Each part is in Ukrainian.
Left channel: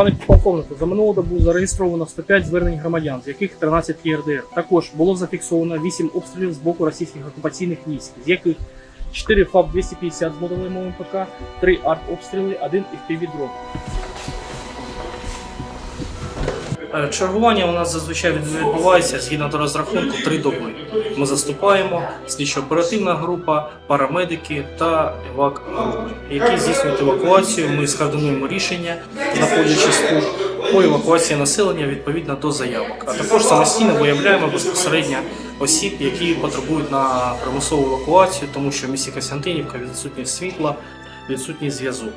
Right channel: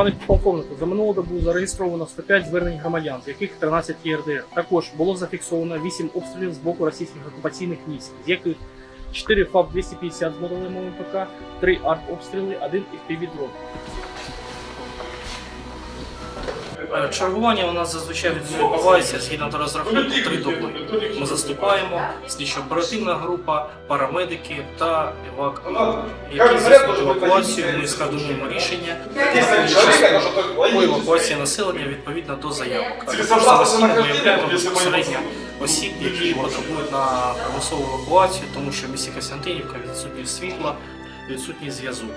Пане полковнику, за минулу добу зареєстровано 105 звернень громадян, з яких 13 є РДР. Також було зафіксовано 8 обстрілів з боку російських окупаційних військ, з яких 4 ФАП-250 з моделем МПК, 3 артобстріли, 1 і дрон. Е, чергування у нас зазвичай відбувається згідно до розрахунку три доби. Ми заступаємо слідчо-оперативна група, парамедики та евак, які здійснюють евакуацію. Ми скоординуємо рішення, знаходячи служб по евакуації населення відповідно до заявок. А також самостійно виявляємо безпосередньо осіб, які потребують на примусову евакуацію, тому що в місті Костянтинівка відсутнє світла, відсутній зв'язок.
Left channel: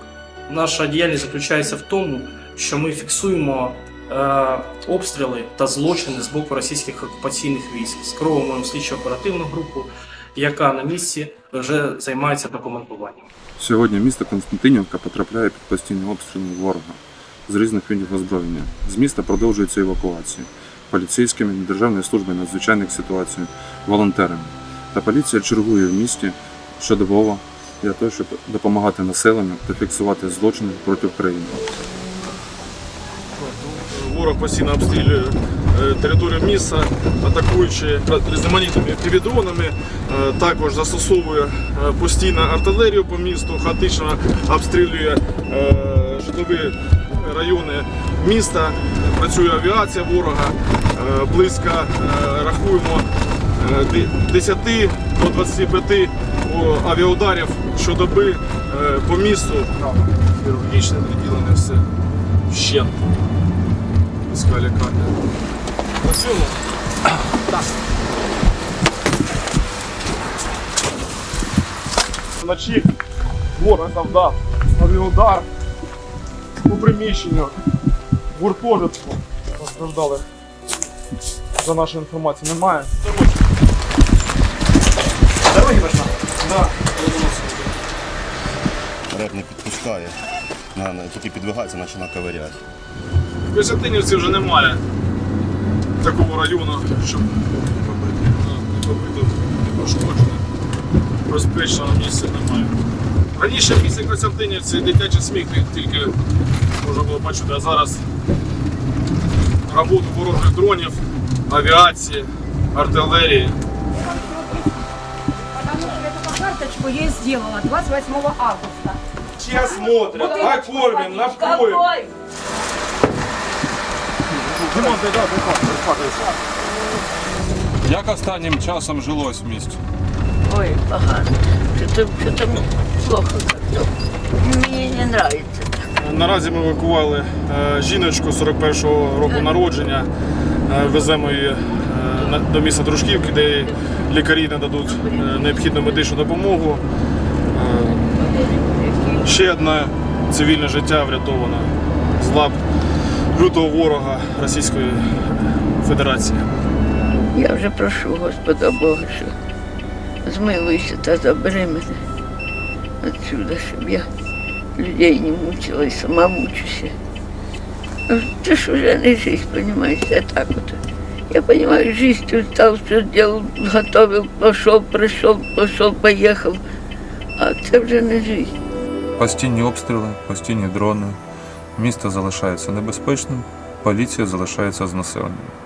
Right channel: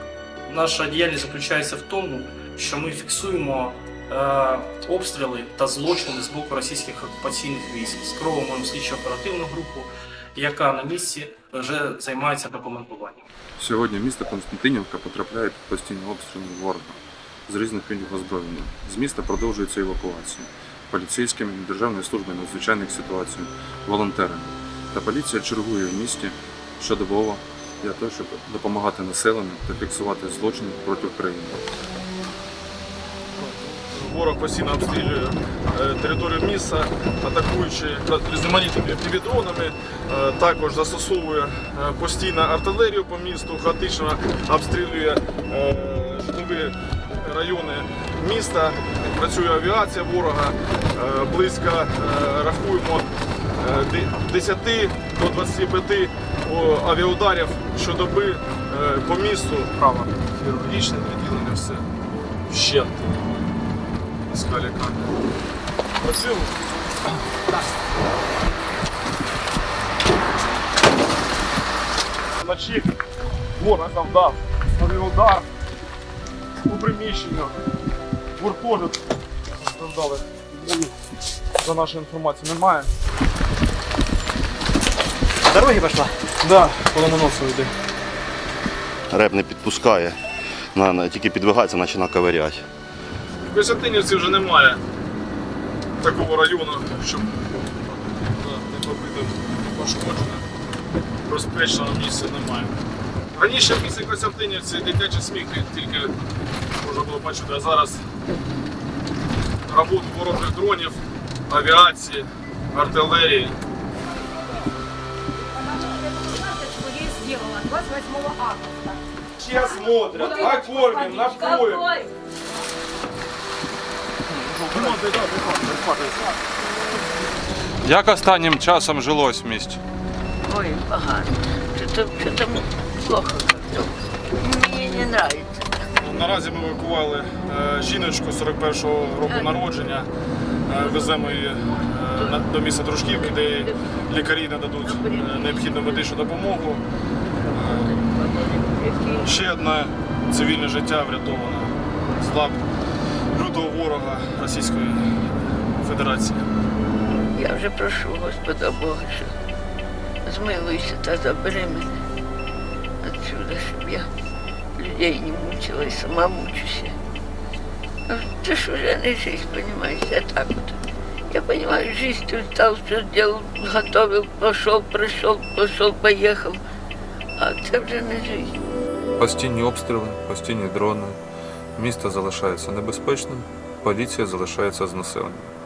Наша діяльність заключається в тому, що ми фіксуємо. Е, обстріли та злочини з боку російських окупаційних військ. Скровуємо слідчо оперативну групу, яка на місці вже займається документуванням. Сьогодні місто Константинівка потрапляє під постійні обстріли ворога з різних видів озброєння. З міста продовжується евакуація поліцейськими, державною службою надзвичайних ситуацій, волонтерами. Та поліція чергує в місті щодобово для того, щоб допомагати населенню та фіксувати злочини проти України. Ворог постійно обстрілює е, територію міста, атакуючи е, різноманітними півдронами, е, також застосовує постійно артилерію по місту, хаотично обстрілює житлові райони міста, працює авіація ворога. Близько рахуємо 10 до 25 авіаударів щодоби по місту. Хірургічне відділення все вщент опускали камеру. Спасибо. Да. Вночі ворог завдав новий удар по приміщенню гуртожитку постраждали. За нашою інформацією немає. Дороги пішла? Да, полононосу йде. Реп не підпускає, тільки підвигається, наче наковирять. В Костянтинівці вже немає такого району, щоб не побити, пошкоджене. Безпечного місця немає. Раніше в місті Костянтинівці дитячий сміх тільки можна було бачити, а зараз роботу ворожих дронів, авіації, артилерії. карточку я сделала 28 августа. Сейчас смотрят, накормим, напоим. Як останнім часом жилось в місті? Ой, погано. Что-то плохо как-то. Мені не нравится. Наразі ми евакували е, жіночку 41-го року народження. Е, Веземо її е, до міста Дружківки, де їй лікарі нададуть е, необхідну медичну допомогу. Е, ще одне цивільне життя врятоване. з лап лютого ворога Російської Федерації. Я вже прошу Господа Бога, що змилуйся та забери мене відсюди, щоб я людей не мучила і сама мучуся. Це ну, ж вже не жизнь, розумієш, я так от. Я понимаю, жизнь тут стал, все діло, готовив, пішов, прийшов, пішов, поїхав. А це вже не жизнь. Постійні обстріли, постійні дрони. Місто залишається небезпечним, поліція залишається з населенням.